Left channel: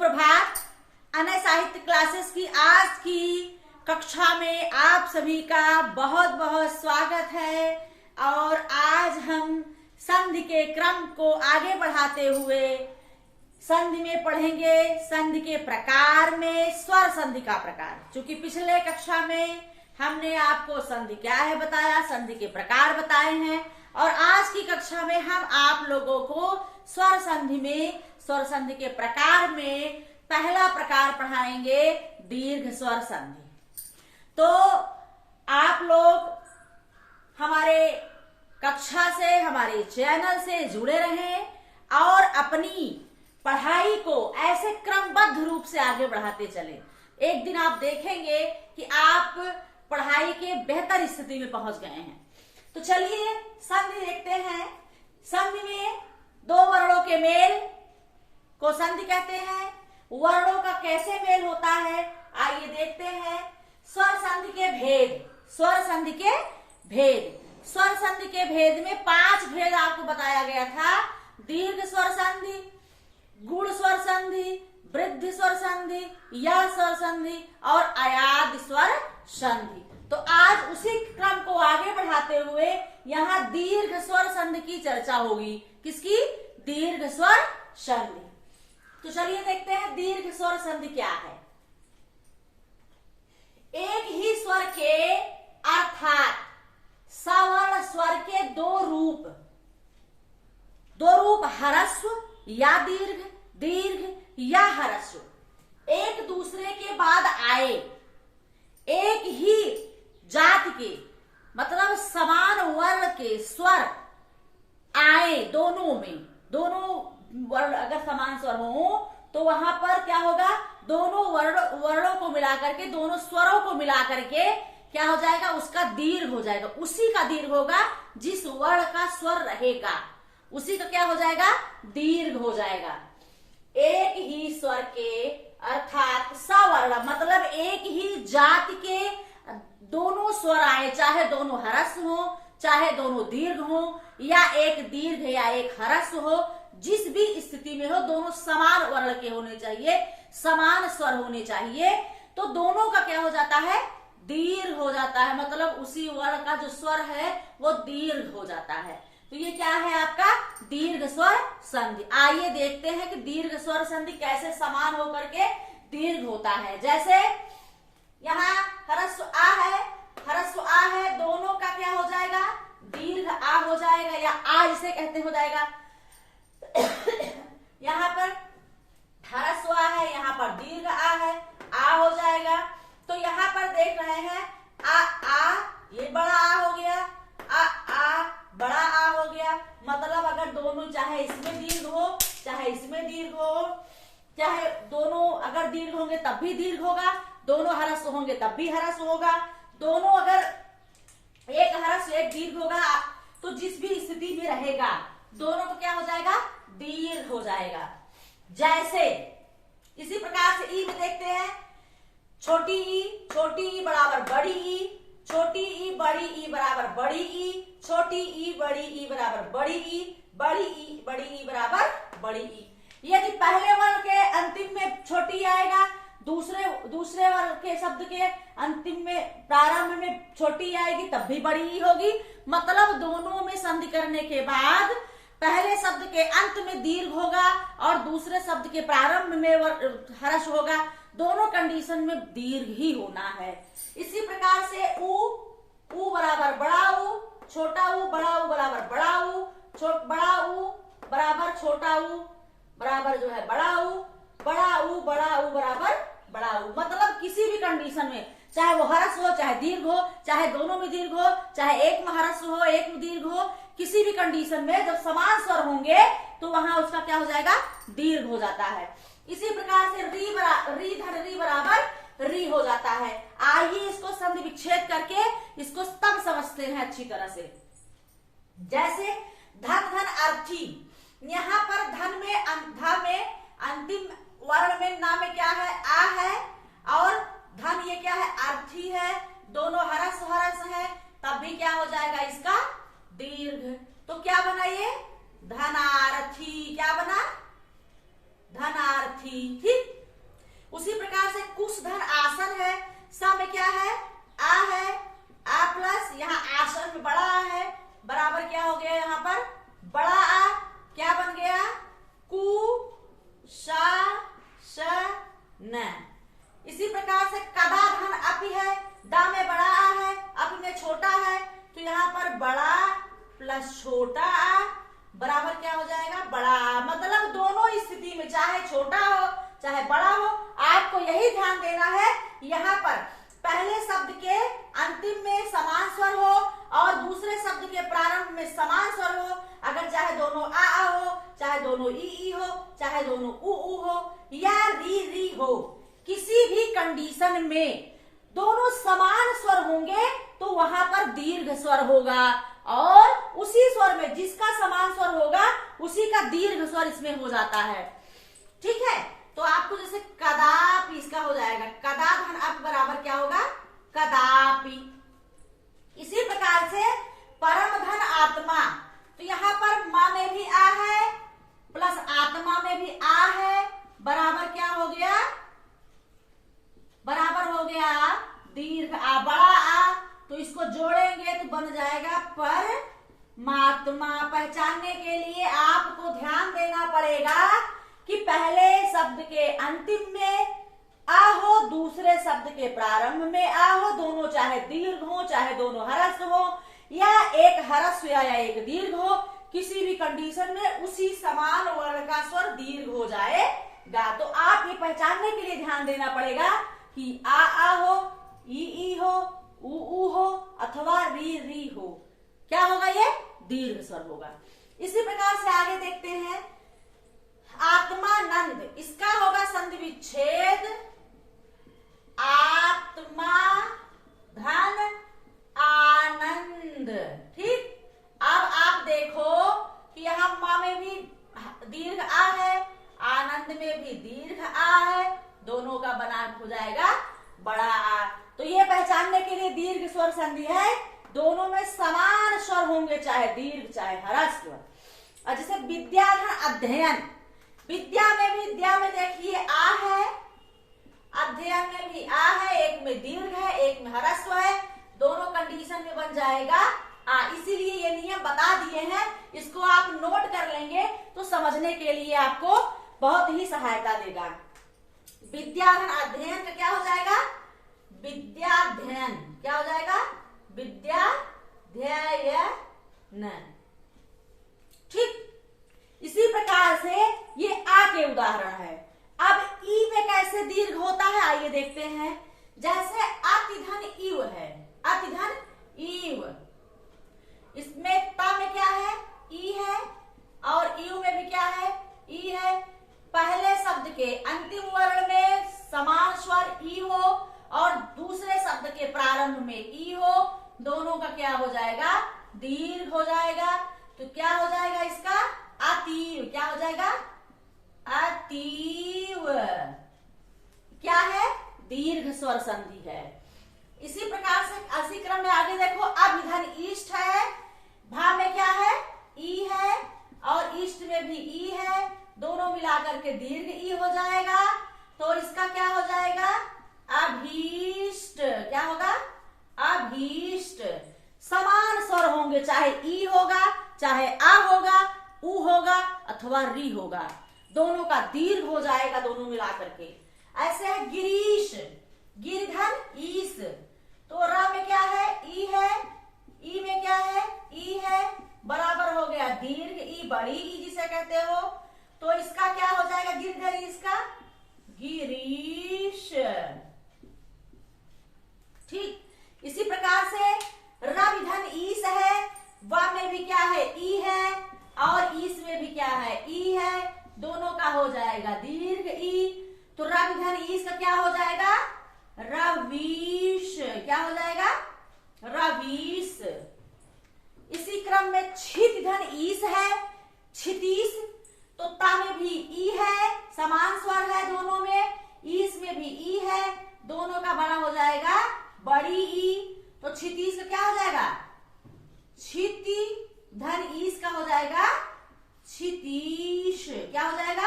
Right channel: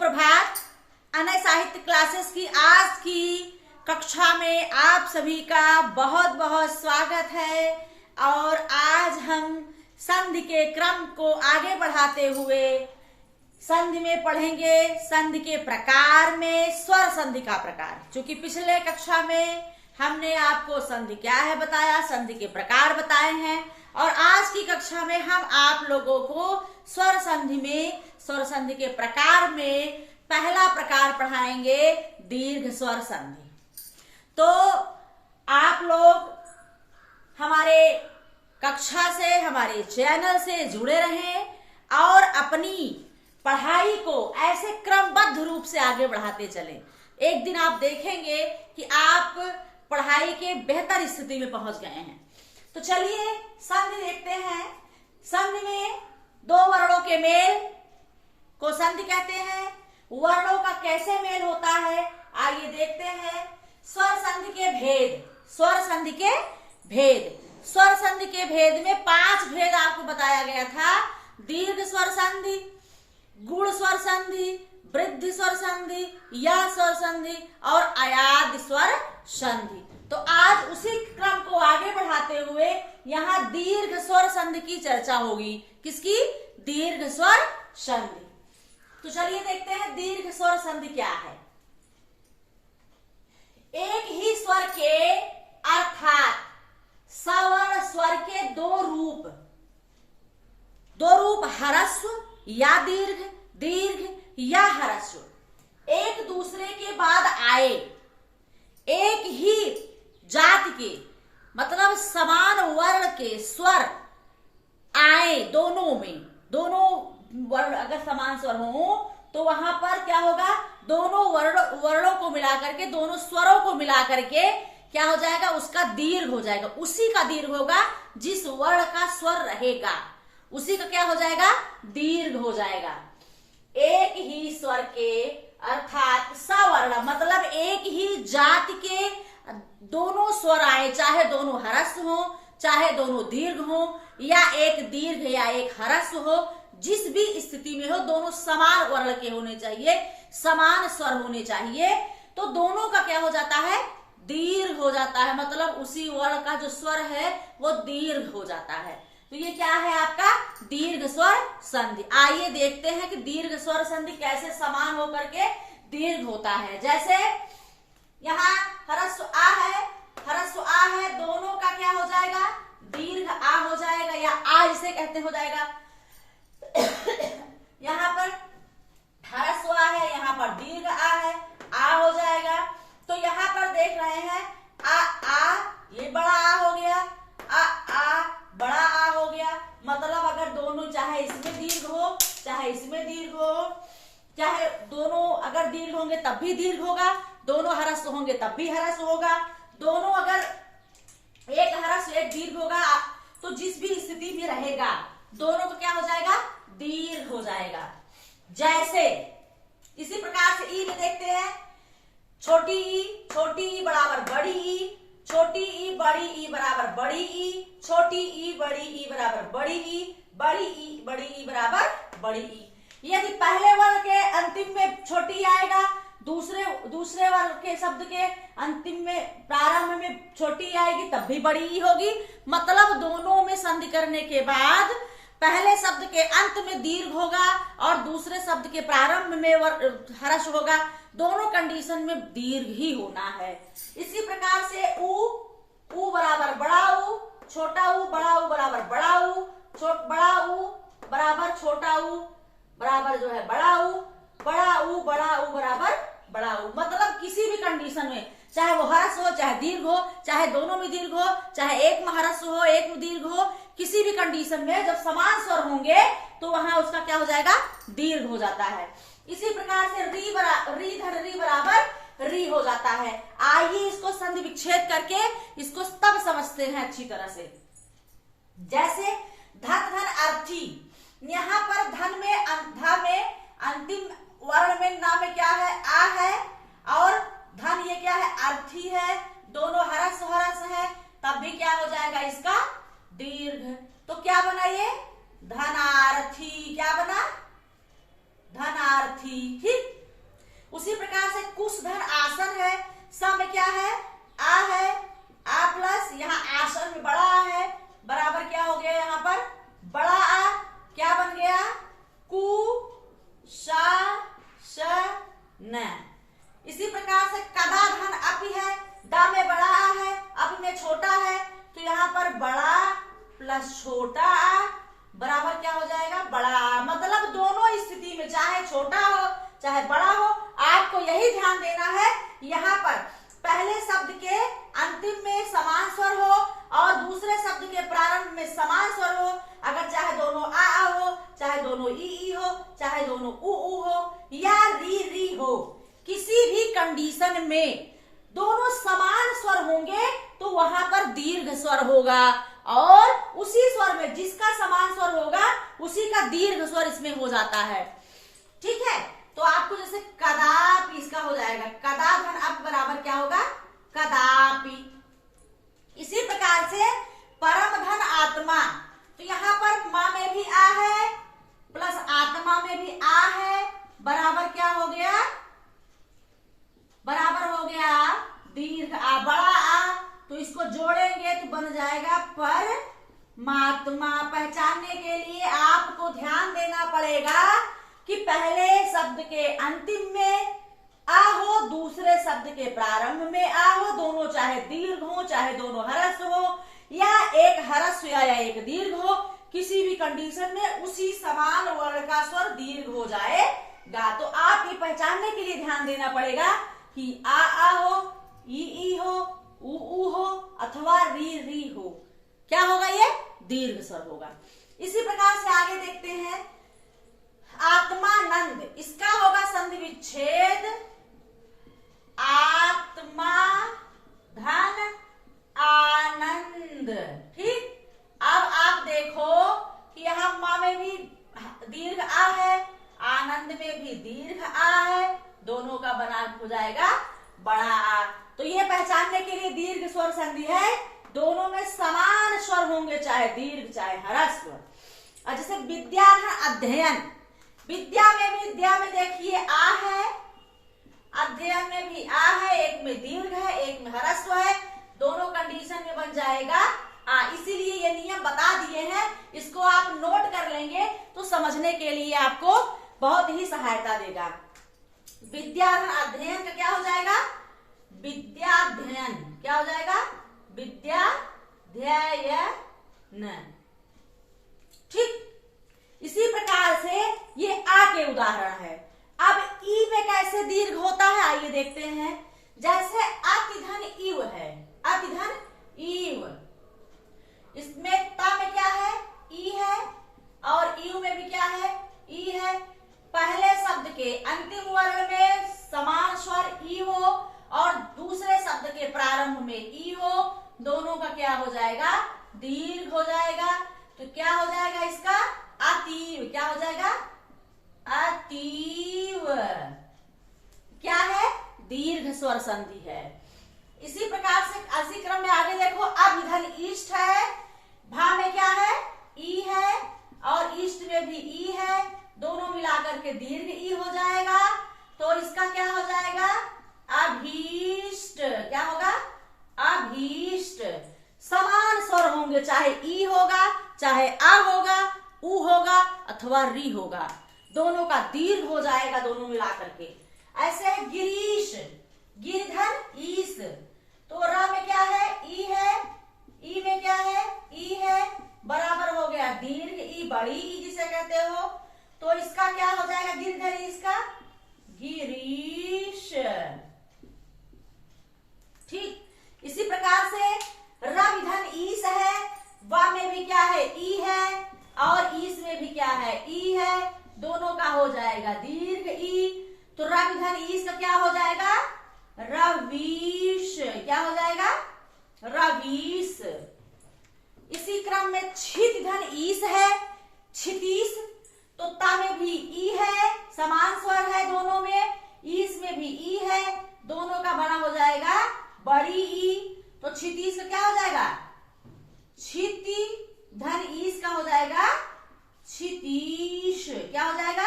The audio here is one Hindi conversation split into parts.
सुप्रभात। अनय साहित्य क्लासेस की आज की कक्षा में आप सभी का बहुत बहुत स्वागत है। और आज हम संधि के क्रम को आगे बढ़ाते हुए संधि में पढ़ेंगे संधि के प्रकार में स्वर संधि का प्रकार। चूंकि पिछले कक्षा में हमने आपको संधि क्या है बताया, संधि के प्रकार बताए हैं, और आज की कक्षा में हम आप लोगों को स्वर संधि में स्वर संधि के प्रकार में पहला प्रकार पढ़ाएंगे दीर्घ स्वर संधि। तो आप लोग हमारे कक्षा से, हमारे चैनल से जुड़े रहें और अपनी पढ़ाई को ऐसे क्रमबद्ध रूप से आगे बढ़ाते चलें। एक दिन आप देखेंगे कि आप पढ़ाई के बेहतर स्थिति में पहुंच गए हैं। तो चलिए संधि देखते हैं। संधि में दो वर्णों के मेल को संधि कहते हैं। वर्णों का कैसे मेल होता है आइए देखते हैं। स्वर संधि के भेद, स्वर संधि के भेद, स्वर संधि के भेद में 5 भेद आपको बताया गया था। दीर्घ स्वर संधि, गुण स्वर संधि, वृद्धि स्वर संधि, या स्वर संधि और अयाद स्वर संधि। तो आज उसी क्रम को आगे बढ़ाते हुए यहाँ दीर्घ स्वर संधि की चर्चा होगी। किसकी? दीर्घ स्वर संधि। तो चलिए देखते हैं दीर्घ स्वर संधि क्या है। एक ही स्वर के अर्थात सवर्ण स्वर के दो रूप ह्रस्व या दीर्घ, दीर्घ या ह्रस्व एक दूसरे के बाद आए, एक ही जाति के मतलब समान वर्ण के स्वर आए दोनों में, दोनों वर्ण अगर समान स्वर हो तो वहां पर क्या होगा, दोनों वर्णों को मिलाकर के, दोनों स्वरों को मिलाकर के क्या हो जाएगा, उसका दीर्घ हो जाएगा। उसी का दीर्घ होगा जिस वर्ण का स्वर रहेगा, उसी का क्या हो जाएगा, दीर्घ हो जाएगा। एक ही स्वर के अर्थात सवर्ण मतलब एक ही जाति के दोनों स्वर आए, चाहे दोनों ह्रस्व हो, चाहे दोनों दीर्घ हो, या एक दीर्घ या एक ह्रस्व हो, जिस भी स्थिति में हो दोनों समान वर्ण के होने चाहिए, समान स्वर होने चाहिए। तो दोनों का क्या हो जाता है, दीर्घ हो जाता है। मतलब उसी वर्ण का जो स्वर है वो दीर्घ हो जाता है। तो ये क्या है आपका दीर्घ स्वर संधि। आइए देखते हैं कि दीर्घ स्वर संधि कैसे समान होकर के दीर्घ होता है। जैसे यहाँ ह्रस्व आ है, ह्रस्व आ है, दोनों का क्या हो जाएगा, दीर्घ आ हो जाएगा, या आ जिसे कहते हो जाएगा। यहाँ पर ह्रस्व आ है, यहाँ पर दीर्घ आ है, आ हो जाएगा। तो यहाँ पर देख रहे हैं आ, ये बड़ा आ हो गया, आ बड़ा आ हो गया। मतलब अगर दोनों, चाहे इसमें दीर्घ हो चाहे इसमें दीर्घ हो, चाहे दोनों अगर दीर्घ होंगे तब भी दीर्घ होगा, दोनों ह्रस्व होंगे तब भी ह्रस्व होगा, दोनों अगर एक ह्रस्व एक दीर्घ होगा तो जिस भी स्थिति में रहेगा दोनों को क्या हो जाएगा, दीर्घ हो जाएगा। जैसे इसी प्रकार से ई में देखते हैं, छोटी ई बराबर बड़ी ई, छोटी ई बराबर बड़ी ई, छोटी ई बराबर बड़ी ई, बड़ी ई बराबर बड़ी ई। यदि पहले वर्ण के अंतिम में छोटी आएगा, दूसरे वर्ण के शब्द के अंतिम में प्रारंभ में छोटी आएगी तब भी बड़ी ई होगी। मतलब दोनों में संधि करने के बाद पहले शब्द के अंत में दीर्घ होगा और दूसरे शब्द के प्रारंभ में ह्रस्व होगा। दोनों कंडीशन में दीर्घ ही होना है। इसी प्रकार से ऊ बराबर बड़ा ऊ, छोटा ऊ, बड़ा ऊ बराबर बड़ा ऊ, बड़ा ऊ बराबर छोटा ऊ बराबर जो है बड़ा ऊ, बड़ा ऊ बराबर बड़ा ऊ। मतलब किसी भी कंडीशन में, चाहे वो ह्रस्व हो चाहे दीर्घ हो, चाहे दोनों में दीर्घ हो, चाहे एक में ह्रस्व हो एक में दीर्घ हो, किसी भी कंडीशन में जब समान स्वर होंगे तो वहां उसका क्या हो जाएगा, दीर्घ हो जाता है। इसी प्रकार से री बराबर री हो जाता है। आइए इसको संधि विच्छेद करके इसको तब समझते हैं अच्छी तरह से। जैसे धन अर्थी, यहाँ पर धन में अंतिम वर्ण में ना में क्या है, आ है, और धन ये क्या है, अर्थी है, दोनों ह्रस्व है, तब भी क्या हो जाएगा इसका दीर्घ। तो क्या बना ये, धनार्थी। क्या बना, धनार्थी। ठीक, उसी प्रकार से कुश धन आसन है, स में क्या है, आ है, आ प्लस यहाँ आसन में बड़ा आ है, बराबर क्या हो गया यहाँ पर बड़ा आ, क्या बन गया, कु सा श न। इसी प्रकार से कदा धन अपि है, दा में बड़ा आ है, अपि में छोटा है, तो यहाँ पर बड़ा प्लस छोटा आ बराबर क्या हो जाएगा, बड़ा आ। मतलब दोनों स्थिति में चाहे छोटा हो चाहे बड़ा हो, आपको यही ध्यान देना है यहाँ पर पहले शब्द के अंतिम में समान स्वर हो और दूसरे शब्द के प्रारंभ में समान स्वर हो। अगर चाहे दोनों आ हो, चाहे दोनों ई हो, चाहे दोनों उ हो या री हो, किसी भी कंडीशन में दोनों समान स्वर होंगे तो वहां पर दीर्घ स्वर होगा, और उसी स्वर में जिसका समान स्वर होगा उसी का दीर्घ स्वर इसमें हो जाता है। ठीक है, तो आपको जैसे कदापि इसका हो जाएगा, कदा धन अप बराबर क्या होगा, कदापि। इसी प्रकार से परम धन आत्मा, तो यहाँ पर माँ में भी आ है प्लस आत्मा में भी आ है, बराबर क्या हो गया, बराबर हो गया दीर्घ आ, बड़ा आ, तो इसको जोड़ेंगे तो बन जाएगा परमात्मा। पहचानने के लिए आपको ध्यान देना पड़ेगा कि पहले शब्द के अंतिम में आ हो, दूसरे शब्द के प्रारंभ में आ हो, दोनों चाहे दीर्घ हो चाहे दोनों ह्रस्व हो, या एक ह्रस्व या एक दीर्घ हो, किसी भी कंडीशन में उसी समान वर्ण का स्वर दीर्घ हो जाएगा। तो आप ये पहचानने के लिए ध्यान देना पड़ेगा कि आ हो, ई हो, उ हो अथवा री हो, क्या होगा, ये दीर्घ स्वर होगा। इसी प्रकार से आगे देखते हैं आत्मानंद, इसका होगा संधि विच्छेद, आत्मा धन आनंद। ठीक, अब आप देखो कि यहाँ माँ में भी दीर्घ आ है, आनंद में भी दीर्घ आ है, दोनों का बना हो जाएगा बड़ा आ। तो ये पहचानने के लिए दीर्घ स्वर संधि है, दोनों में समान स्वर होंगे, चाहे दीर्घ चाहे ह्रस्व। और जैसे विद्याधन अध्ययन, विद्या में भी, विद्या में देखिए आ है, अध्ययन में भी आ है, एक में दीर्घ है एक में ह्रस्व है, दोनों कंडीशन में बन जाएगा आ। इसीलिए ये नियम बता दिए हैं, इसको आप नोट कर लेंगे तो समझने के लिए आपको बहुत ही सहायता देगा। विद्याधन अध्ययन का क्या हो जाएगा, विद्याध्ययन, क्या हो जाएगा, विद्याध्ययन। ठीक, इसी प्रकार से ये आ के उदाहरण है। अब ई में कैसे दीर्घ होता है आइए देखते हैं। जैसे अतिधन इव है, अतिधन इव, इसमें ता में क्या है, ई है, और इव में भी क्या है, ई है। पहले शब्द के अंतिम वर्ण में समान स्वर ई हो और दूसरे शब्द के प्रारंभ में ई हो, दोनों का क्या हो जाएगा, दीर्घ हो जाएगा। तो क्या हो जाएगा इसका, अतीव, क्या हो जाएगा, अतीव, क्या है, दीर्घ स्वर संधि है। इसी प्रकार से इसी क्रम में आगे देखो, अभिधन ईष्ट है, भा में क्या है, ई है, और ईष्ट में भी ई है, दोनों मिलाकर के दीर्घ ई हो जाएगा। तो इसका क्या हो जाएगा, अभीष्ट, क्या होगा, अभीष्ट। समान स्वर होंगे, चाहे ई होगा चाहे आ होगा, उ होगा अथवा री होगा, दोनों का दीर्घ हो जाएगा, दोनों मिलाकर के। ऐसे है गिरीश, गिरधन ईस, तो रा में क्या है, ई है, ई में क्या है, ई है, बराबर हो गया दीर्घ ई, बड़ी ई जिसे कहते हो। तो इसका क्या हो जाएगा, गिरधन ईस का गिरीश। ठीक, इसी प्रकार से रविधन ईस है, वा में भी क्या है, ई है, और ईस में भी क्या है, ई है, दोनों का हो जाएगा दीर्घ ई। तो रविधन ईस का क्या हो जाएगा, रवीश, क्या हो जाएगा, रवीश। इसी क्रम में क्षितिधन ईस है, क्षितीश, तो ता में भी ई है, समान स्वर है दोनों में, ईस में भी ई है, दोनों का बना हो जाएगा बड़ी ई। तो क्षितीश का क्या हो जाएगा, क्षिति धन ईस का हो जाएगा क्षितीश, क्या हो जाएगा,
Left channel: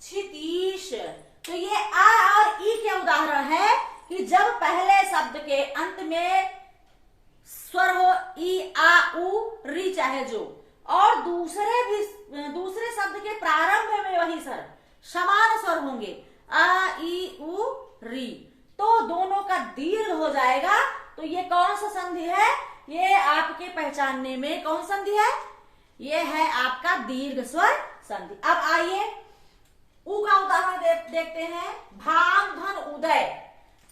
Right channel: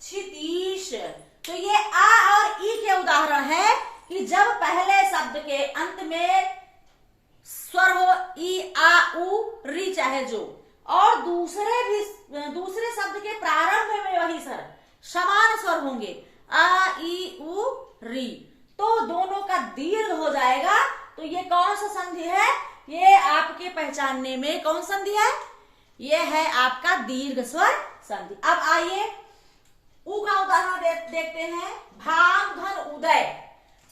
क्षितीश। तो ये आ और ई के उदाहरण है कि जब पहले शब्द के अंत में स्वर हो ई, आ, उ, री चाहे जो, और दूसरे शब्द के प्रारंभ में वही स्वर समान स्वर होंगे आ, ई, उ, री, तो दोनों का दीर्घ हो जाएगा। तो ये कौन सा संधि है? ये आपके पहचानने में कौन संधि है? ये है आपका दीर्घ स्वर संधि। अब आइए उ का उदाहरण देखते हैं। भान धन उदय,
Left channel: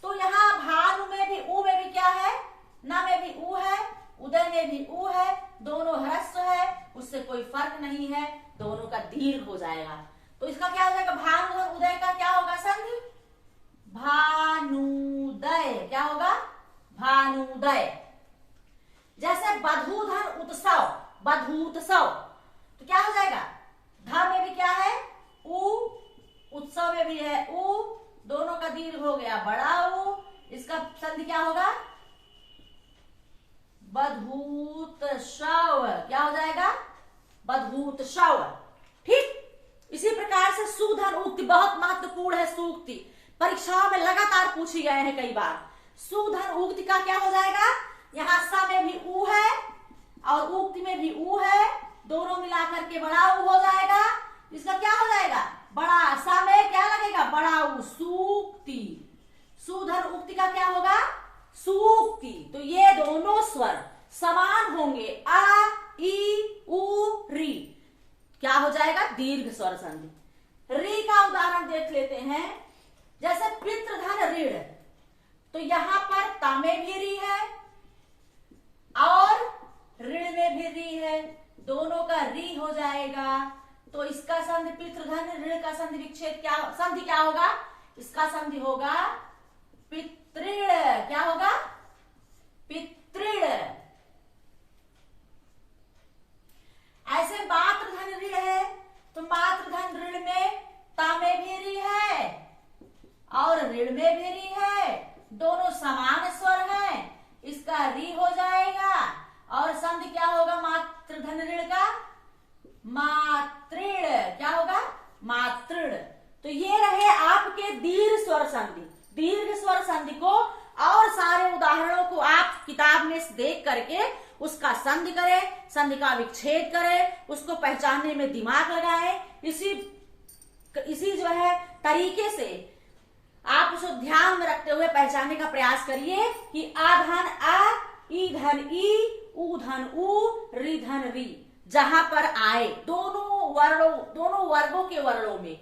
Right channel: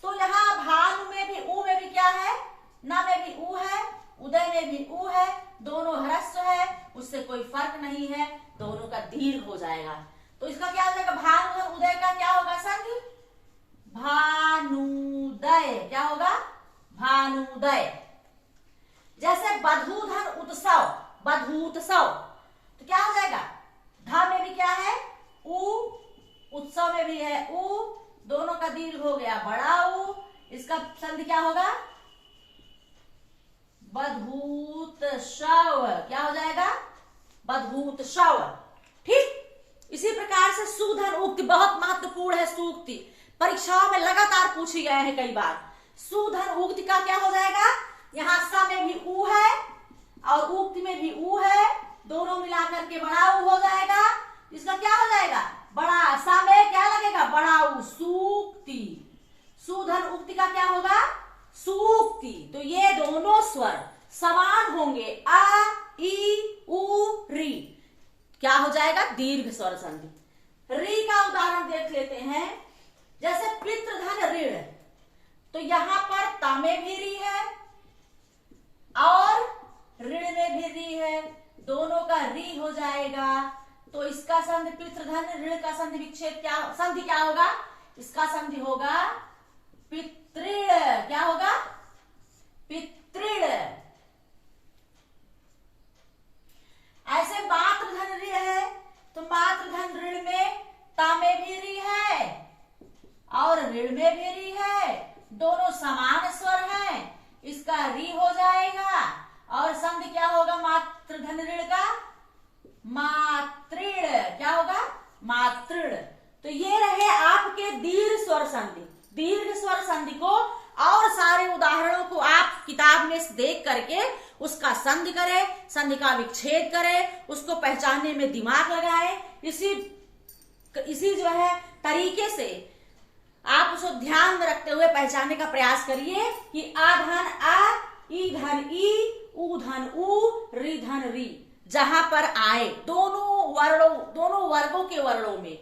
तो यहाँ भानु में भी उ में भी क्या है? न में भी उ है, उदय में भी उ है, दोनों ह्रस्व है, उससे कोई फर्क नहीं है, दोनों का दीर्घ हो जाएगा। तो इसका क्या हो जाएगा? भानु धन उदय का क्या होगा संधि? भानुदय। क्या होगा? भानुदय। जैसे बधू धन उत्सव, बधूत्सव, तो क्या हो जाएगा? ध में भी क्या है? उ, उत्सव में भी है उ, दोनों का दीर्घ हो गया बड़ा उ, इसका संधि क्या होगा? बधूतशव। क्या हो जाएगा? बधूतशव। ठीक इसी प्रकार से सुधन उक्ति बहुत महत्वपूर्ण है। सूक्ति परीक्षाओं में लगातार पूछी गए हैं कई बार। सुधन उक्ति का क्या हो जाएगा? यहाँ स में भी उ है और उक्ति में भी उ है, दोनों मिलाकर के बड़ा उ हो जाएगा। इसका क्या हो जाएगा? बड़ा सा में क्या लगेगा? बड़ा उ, सूक्ति। सुधन उक्ति का क्या होगा? सूक्ति। तो ये दोनों स्वर समान होंगे आ, ई, उ, री, क्या हो जाएगा? दीर्घ स्वर संधि। री का उदाहरण देख लेते हैं। जैसे पितृधन ऋण, तो यहां पर ता में भी री है और ऋण में भी री है, दोनों का री हो जाएगा। तो इसका संधि पितृधन ऋण का संधि विच्छेद क्या संधि क्या होगा? इसका संधि होगा पितृण। क्या होगा? पितृण। ऐसे मातृधन ऋण है, तो मातृधन ऋण में ता में भी री है और ऋण में भी री है, दोनों समान स्वर हैं, इसका री हो जाएगा। और संधि क्या होगा मातृधन ऋण का? मातृण। क्या होगा? मातृण। तो ये रहे आपके दीर्घ स्वर संधि। दीर्घ स्वर संधि को और सारे उदाहरणों को आप किताब में देख करके उसका संधि करें, संधि का विच्छेद करें, उसको पहचानने में दिमाग लगाएं। इसी जो है तरीके से आप उसको ध्यान में रखते हुए पहचानने का प्रयास करिए कि आ धन आ, ई धन ई, उ धन उ, री धन री, जहां पर आए दोनों वर्गों के वर्णों में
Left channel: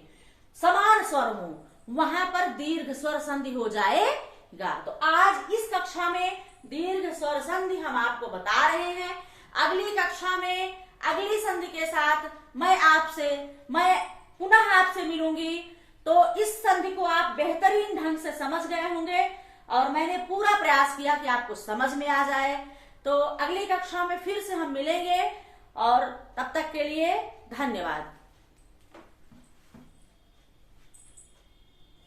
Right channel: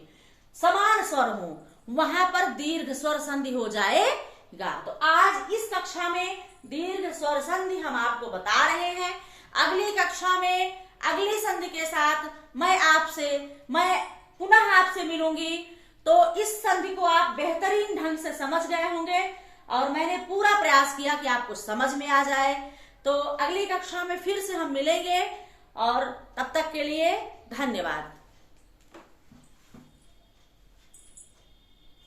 समान स्वर हो, वहां पर दीर्घ स्वर संधि हो जाएगा। तो आज इस कक्षा में दीर्घ स्वर संधि हम आपको बता रहे हैं। अगली कक्षा में अगली संधि के साथ मैं पुनः आपसे मिलूंगी। तो इस संधि को आप बेहतरीन ढंग से समझ गए होंगे और मैंने पूरा प्रयास किया कि आपको समझ में आ जाए। तो अगली कक्षा में फिर से हम मिलेंगे और तब तक के लिए धन्यवाद।